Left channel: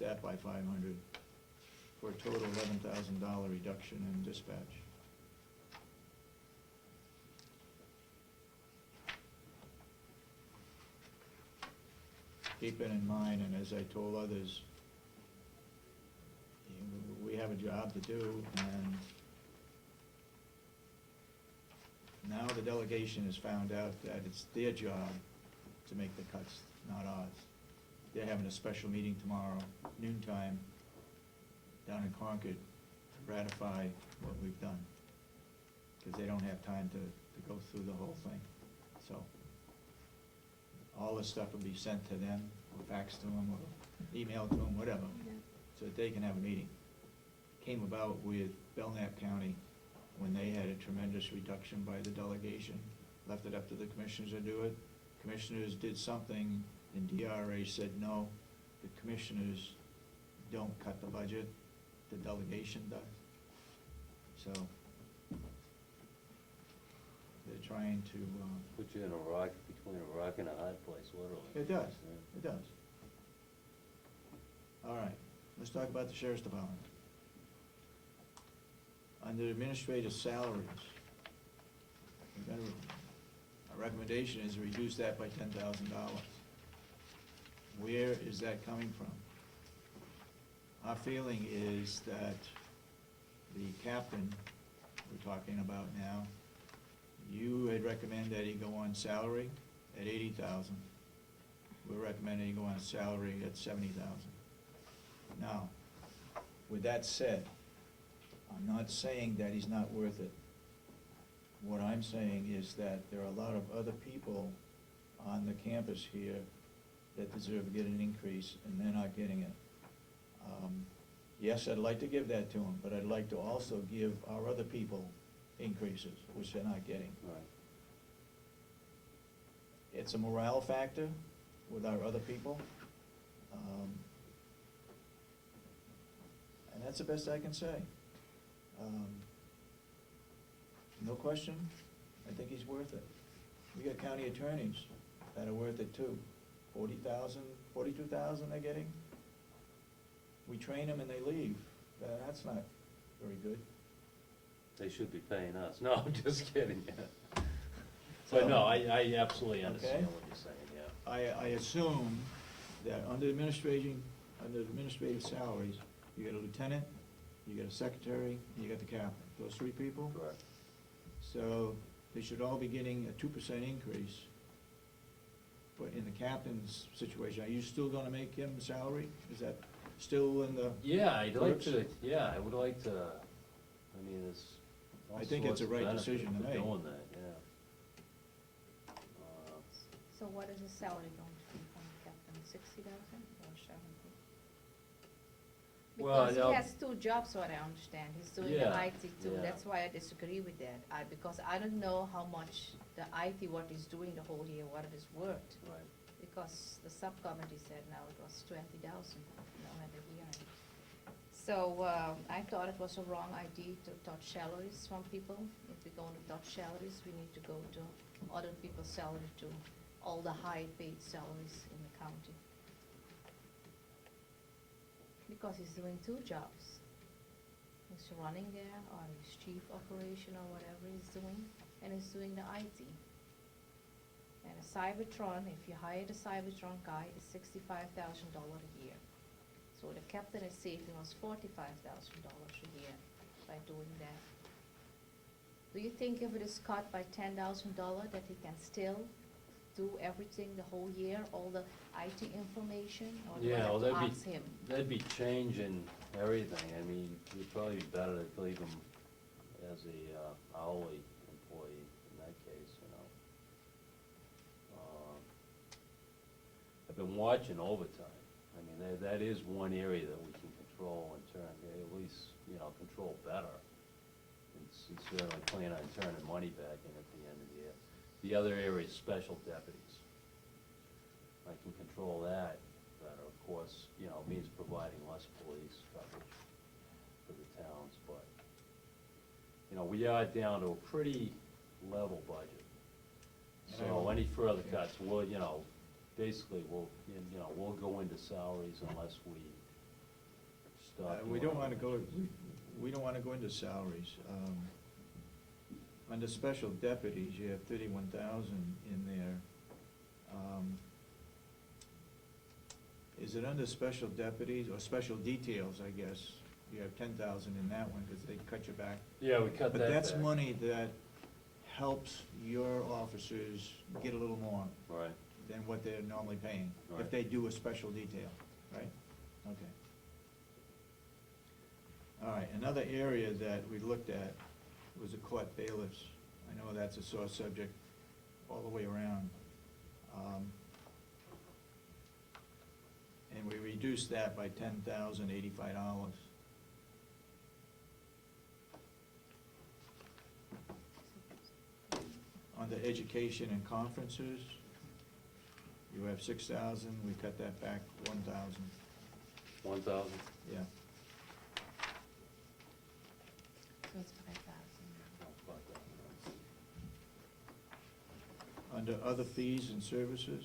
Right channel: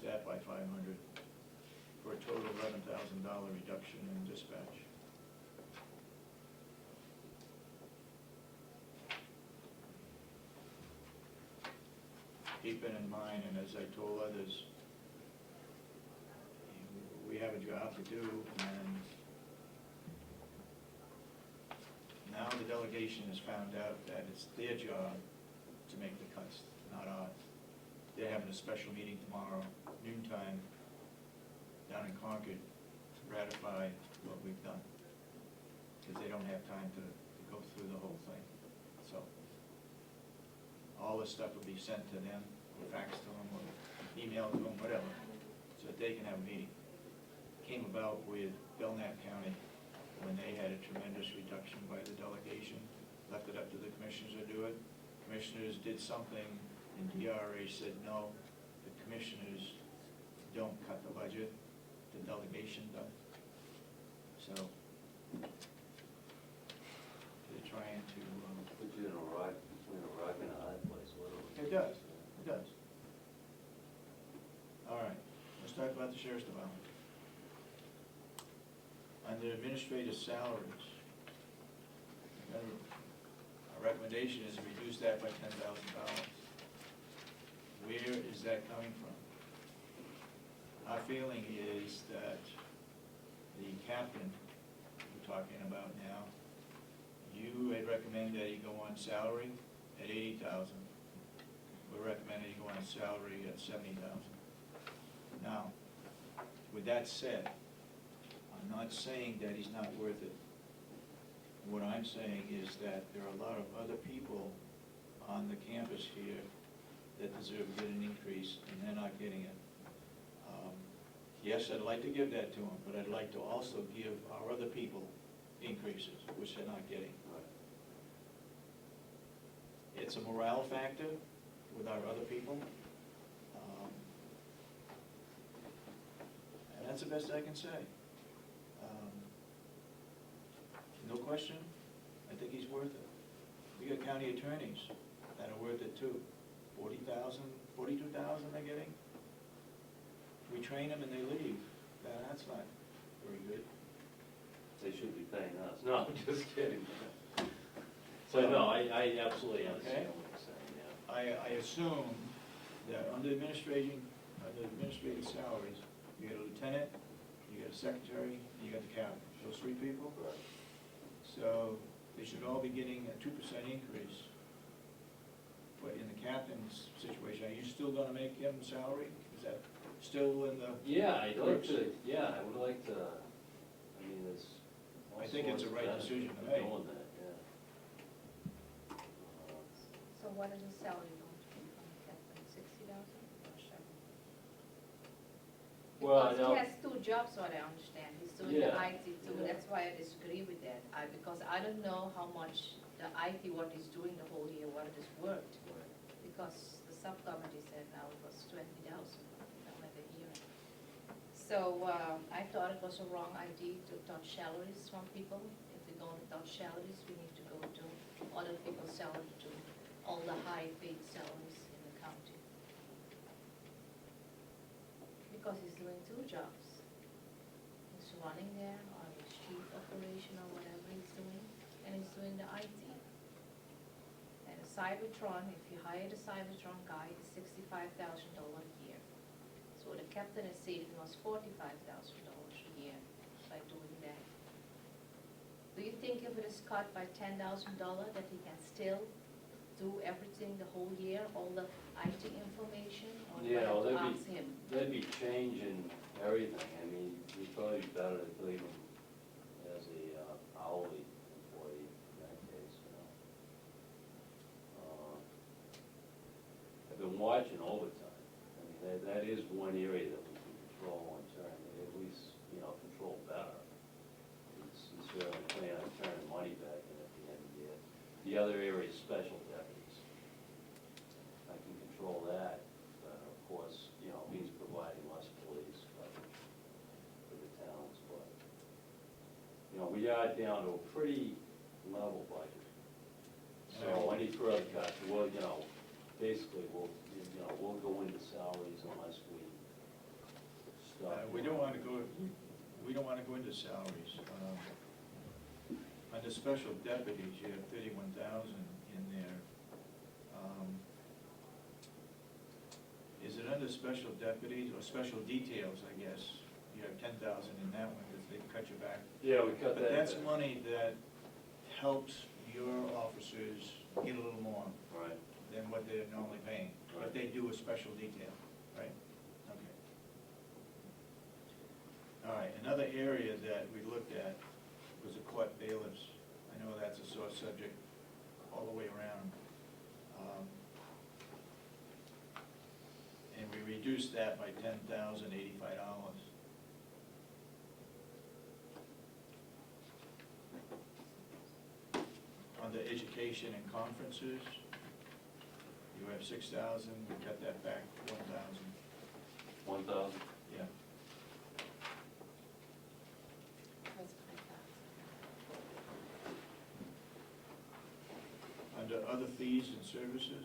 that by 500, for a total of $11,000 reduction in dispatch. Keep it in mind, and as I told others, we have a job to do, and now the delegation has found out that it's their job to make the cuts, not ours. They're having a special meeting tomorrow, noontime, down in Concord, to ratify what we've done, because they don't have time to go through the whole thing. So all this stuff will be sent to them, fax to them, or email to them, whatever, so that they can have a meeting. Came about with Belknap County, when they had a tremendous reduction by the delegation, left it up to the commissioners to do it. Commissioners did something, and DRA said, no, the commissioners don't cut the budget, the delegation does. So, they're trying to... Put you in a rock, between a rock and a hard place, literally. It does, it does. All right, let's talk about the sheriff's department. Under administrative salaries, remember, our recommendation is to reduce that by $10,000. Where is that coming from? Our feeling is that the captain we're talking about now, you had recommended that he go on salary at $80,000. We're recommending he go on salary at $70,000. Now, with that said, I'm not saying that he's not worth it. What I'm saying is that there are a lot of other people on the campus here that deserve to get an increase, and they're not getting it. Yes, I'd like to give that to them, but I'd like to also give our other people increases, which they're not getting. Right. It's a morale factor with our other people. And that's the best I can say. No question, I think he's worth it. We got county attorneys that are worth it too. 40,000, 42,000 they're getting. We train them and they leave. That's not very good. They should be paying us. No, I'm just kidding. But no, I absolutely understand Okay. what you're saying, yeah. I assume that under administrative salaries, you got a lieutenant, you got a secretary, you got the captain. Those three people. Correct. So they should all be getting a 2% increase. But in the captain's situation, are you still gonna make him salary? Is that still in the? Yeah, I'd like works? to, yeah, I would like to, I mean, there's all I think it's sorts a of right benefits decision to to make. doing that, yeah. So what is the salary going to be from Captain, 60,000 or 70? Well, I Because know- he has two jobs, what I understand, he's doing the Yeah, IT too, yeah. that's why I disagree with that. Because I don't know how much the IT, what he's doing the whole year, what it is worth. Because the subcommittee said now it was 20,000, at the hearing. So I thought it was a wrong idea to touch salaries from people. If we're going to touch salaries, we need to go to other people's salary too, all the high-paid salaries in the county. Because he's doing two jobs. He's running there, or he's chief operation, or whatever he's doing, and he's doing the IT. And a Cybertron, if you hire the Cybertron guy, it's $65,000 a year. So the captain is saving us $45,000 a year by doing that. Do you think if it is cut by $10,000 that he can still do everything the whole year, all the IT information, or do I Yeah, have well, to ask him? that'd be changing everything. I mean, it'd probably be better to leave him as a hourly employee in that case, you know. I've been watching overtime. I mean, that is one area that we can control on turn, at least, you know, control better. He's certainly planning on turning money back in at the end of the year. The other area is special deputies. I can control that, but of course, you know, it means providing less police coverage for the towns, but, you know, we are down to a pretty level budget. So any further cuts, well, you know, basically, we'll go into salaries unless we talking We don't about. wanna go into salaries. Under special deputies, you have 31,000 in there. Is it under special deputies, or special details, I guess? You have 10,000 in that one, because they cut you back. Yeah, we cut that But that's back. money that helps your officers get a little more Right, than what they're normally paying, if Right. they do a special detail, right? Okay. All right, another area that we looked at was the court bailiffs. I know that's a sore subject all the way around. And we reduced that by $10,085. Under education and conferences, you have 6,000, we cut that back 1,000, 1,000. yeah. So it's 5,000. Under other fees and services.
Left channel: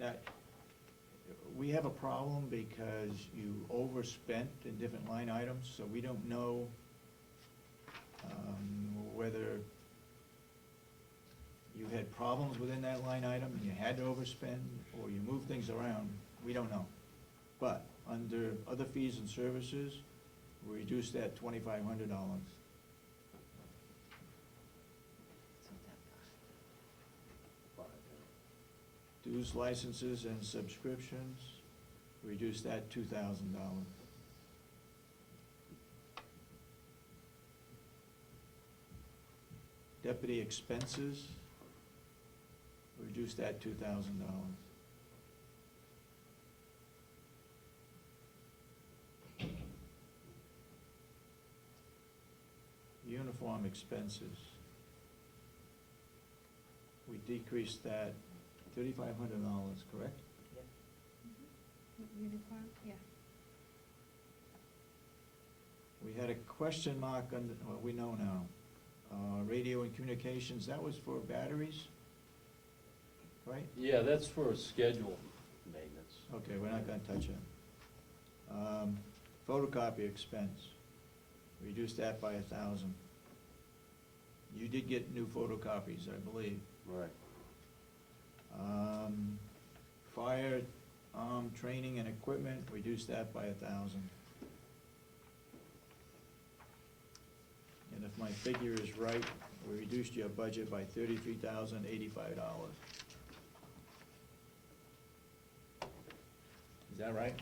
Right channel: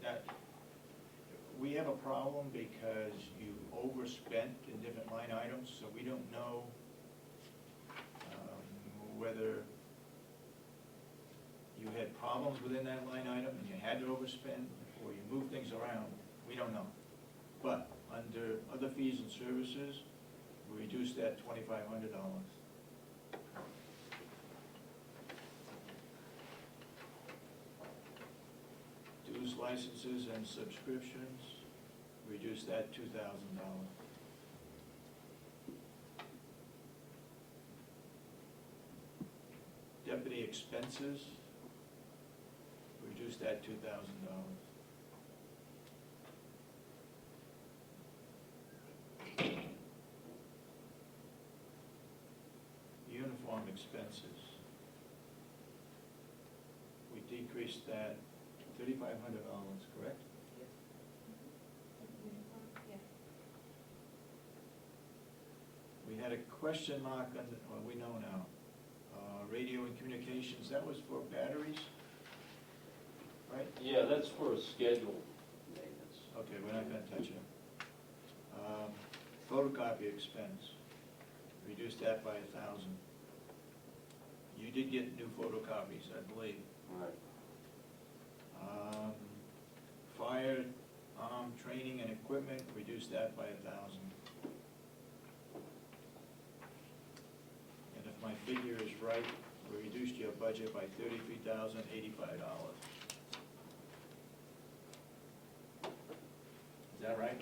Now, we have a problem because you overspent in different line items, so we don't know whether you had problems within that line item and you had to overspend, or you moved things around, we don't know. But under other fees and services, we reduced that $2,500. Dues, licenses, and subscriptions, reduce that $2,000. Deputy expenses, reduce that $2,000. Uniform expenses, we decreased that $3,500, correct? Uniform, yeah. We had a question mark on, well, we know now, radio and communications, that was for batteries, right? Yeah, that's for scheduled maintenance. Okay, we're not gonna touch it. Photocopy expense, reduce that by 1,000. You did get new photocopies, I believe. Right. Fire, training and equipment, reduce that by 1,000. And if my figure is right, we reduced your budget by $33,085. Is that right?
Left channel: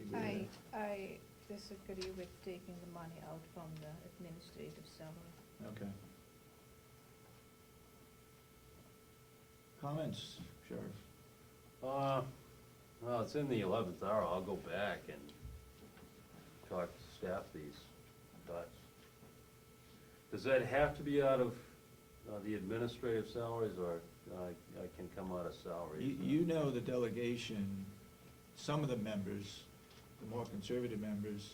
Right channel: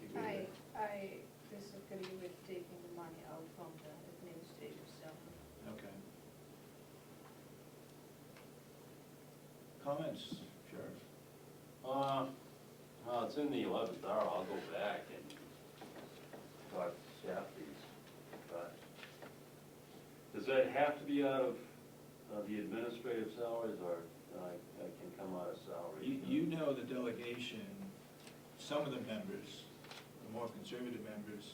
You agree with I disagree with taking the money out from the administrative salary. that? Okay. Comments, Sheriff? Well, it's in the 11th hour, I'll go back and talk to staff these, but does that have to be out of the administrative salaries, or I can come out of salary? You know the delegation, some of the members, the more conservative members,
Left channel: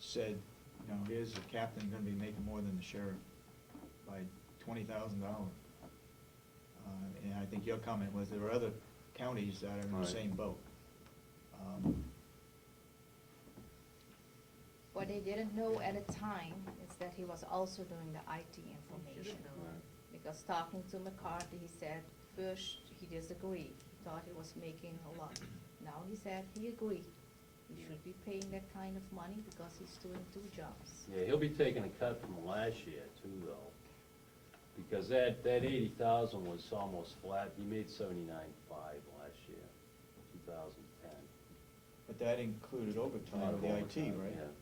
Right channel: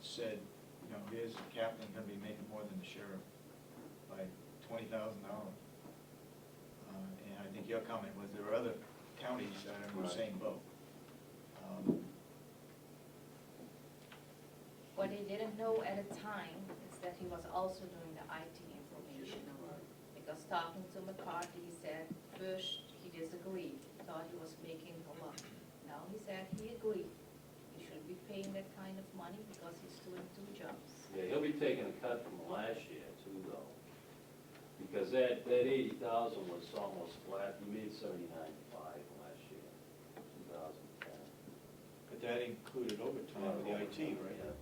said, you know, here's the captain gonna be making more than the sheriff by $20,000. And I think your comment was there are other counties that are in the Right. same boat. What they didn't know at the time is that he was also doing the IT information. Because talking to McCarthy, he said, first, he disagreed, thought he was making a lot. Now he said he agreed, he should be paying that kind of money because he's doing 2 jobs. Yeah, he'll be taking a cut from last year too, though, because that 80,000 was almost flat, he made 79.5 last year, 2010. But that included overtime, the IT, right? Yeah.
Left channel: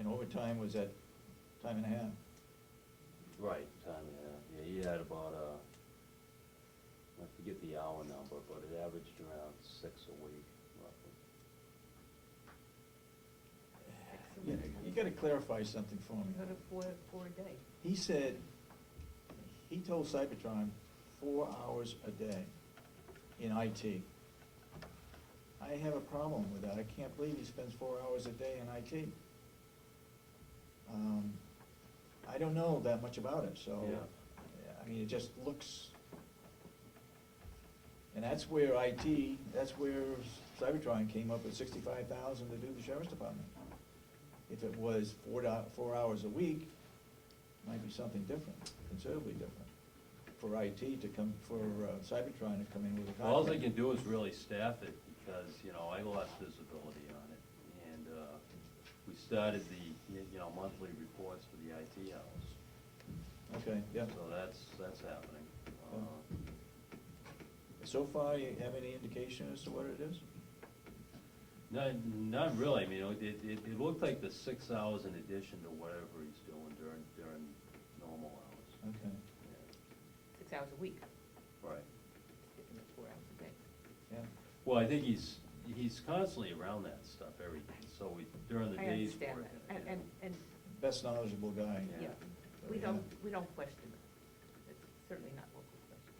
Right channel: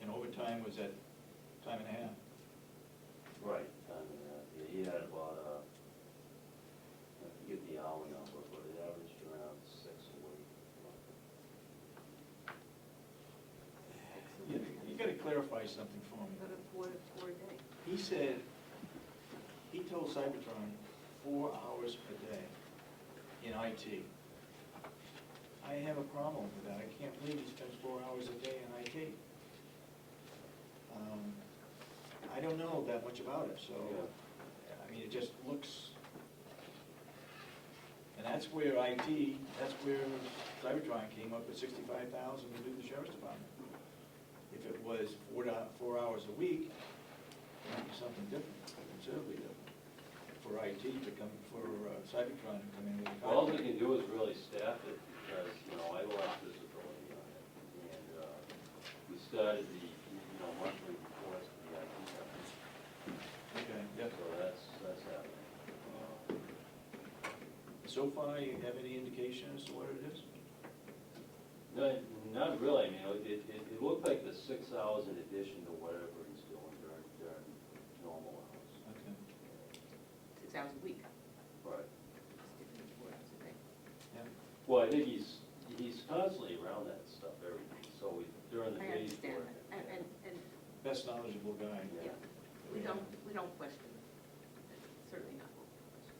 And overtime was at time and a half. Right, yeah, he had about, I forget the hour number, but it averaged around 6 a week, roughly. You gotta clarify something for me. Go to 4 day. He said, he told Cybertron 4 hours a day in IT. I have a problem with that, I can't believe he spends 4 hours a day in IT. I don't know that much about it, so, Yeah. I mean, it just looks, and that's where IT, that's where Cybertron came up with 65,000 to do the sheriff's department. If it was 4 hours a week, it might be something different, considerably different. For IT to come, for Cybertron to come in with a contract. All they can do is really staff it, because, you know, I lost visibility on it. And, we started the, monthly reports for the IT efforts. Okay, yeah. So that's happening. So far, you have any indication as to what it is? No, not really, I mean, it looked like the 6 hours in addition to whatever he's doing during normal hours. Okay, 6 hours a week, Right. 4 hours a day. yeah. Well, I think he's constantly around that stuff every day, so during the I day's understand work. that, and, Best knowledgeable guy. Yeah. yeah, we don't question it, it's certainly not what we question.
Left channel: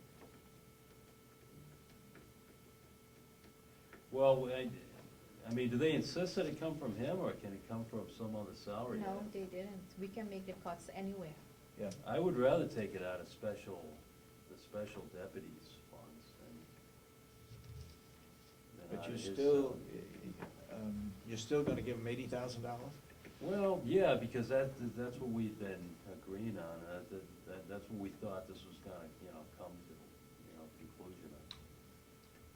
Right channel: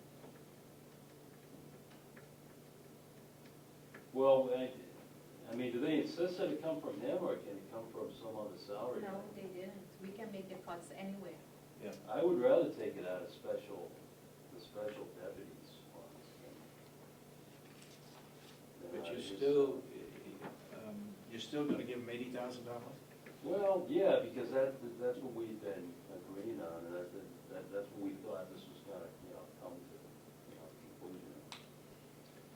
Well, I mean, do they insist that it come from him, or can it come from some other salary? No, they didn't. We can make the cuts anywhere. Yeah, I would rather take it out of the special deputies funds than but you're his still gonna give him $80,000? Well, yeah, because that's what we've been agreed on, that's what we thought this was gonna, come to, conclusion.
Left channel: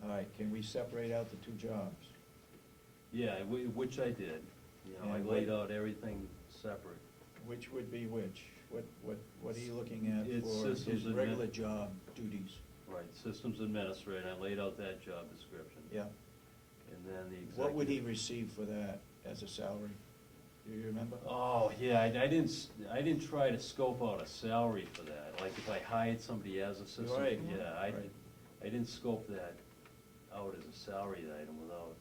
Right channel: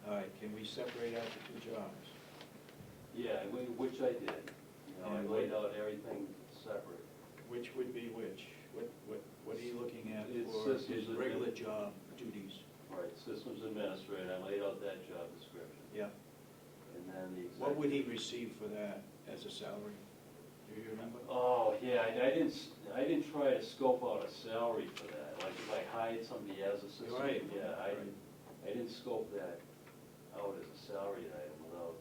All right, can we separate out the two jobs? Yeah, which I did, I And laid what- out everything separate. Which would be which? What are you looking at It's for his systems admin. regular job duties? Right, systems administrator, I laid out that job description. Yeah. And then the executive. What would he receive for that as a salary? Do you remember? Oh, yeah, I didn't try to scope out a salary for that, like if I hired somebody as a system. Right. Yeah, I Right. didn't scope that out as a salary item without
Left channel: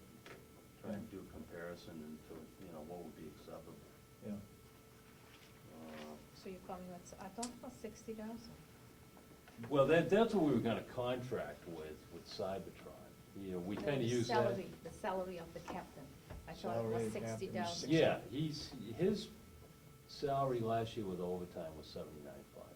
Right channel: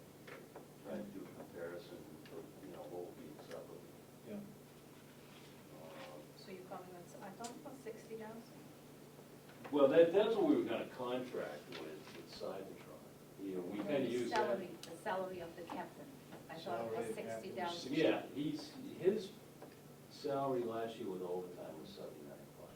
trying to do a comparison to, what would be acceptable. Yeah. So you're coming with, I thought it was 60,000. Well, that's what we were gonna contract with Cybertron. We kinda use that. The salary of the captain. I thought it Salary was of the captain, 60,000. Yeah, his salary last year with overtime was 79.5.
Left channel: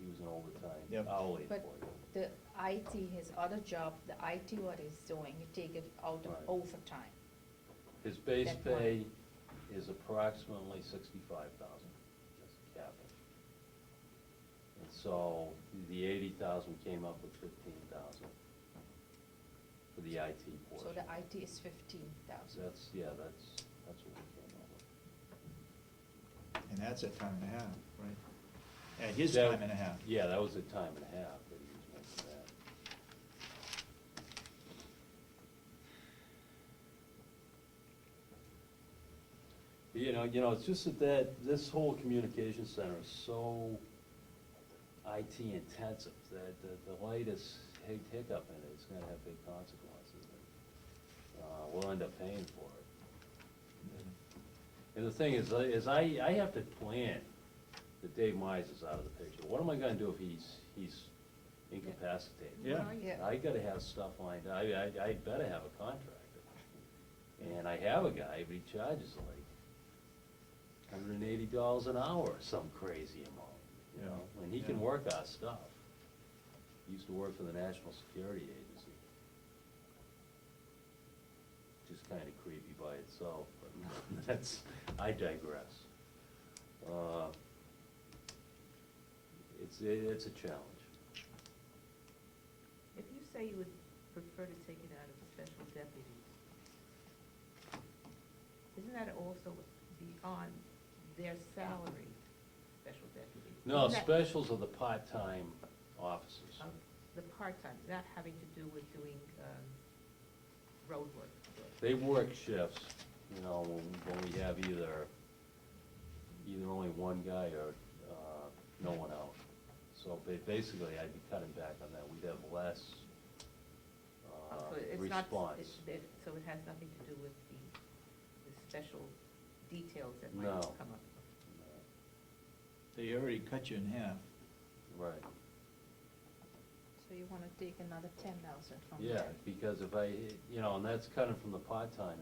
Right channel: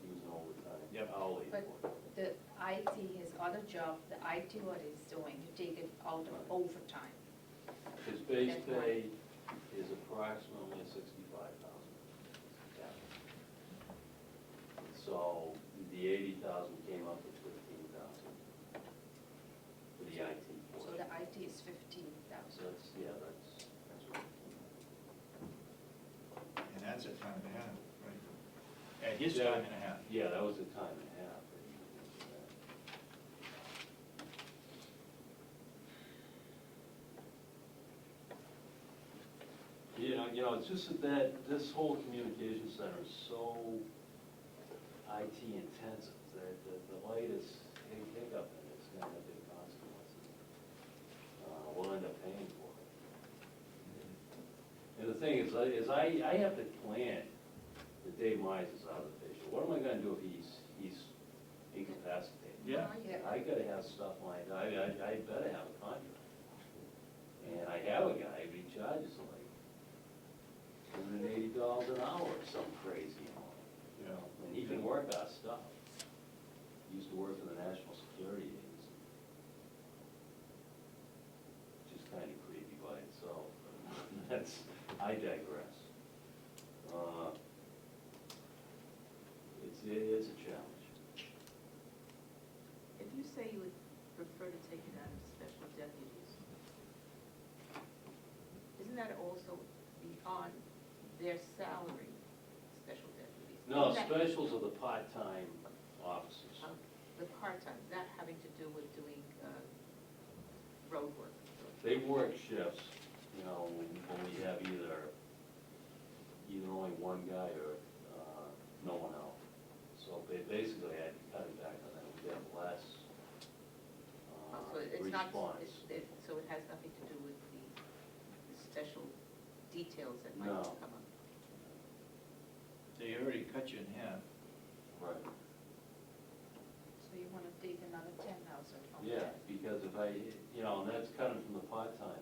He was an overtime Yep. hourly. But employee. the IT, his other job, the IT what he's doing, you take it out of Right. overtime. His base That's pay is approximately 65,000. So the 80,000 came up with 15,000 for the IT So portion. the IT is 15,000. That's what it came up with. And that's at time and a half, right? At his That- time and a half. Yeah, that was a time and a half. It's just that this whole communication center is so IT intensive, that the lightest hiccup in it's gonna have big consequences. We'll end up paying for it. And the thing is I have to plan that Dave Myers is out of the picture. What am I gonna do if he's incapacitated? Yeah. Yeah. I gotta have stuff lined up, I better have a contract. And I have a guy, he charges like $180 an hour or some crazy amount, and he can Yeah. work our stuff. He used to work for the National Security Agency. Just kinda creepy by itself, but I digress. It's a challenge. If you say you would prefer to take it out of special deputies, isn't that also beyond their salary, special deputies? No, Isn't that, specials are the part-time officers. The part-time, not having to do with doing, road work? They work shifts, when we have either only one guy or, no one out. So basically, I'd be cutting back on that, we'd have less, So it's not, response. so it has nothing to do with the special details that might No. come up? They already cut you in half. Right. So you wanna take another 10,000 from Yeah, there. because if and that's cutting from the part-time,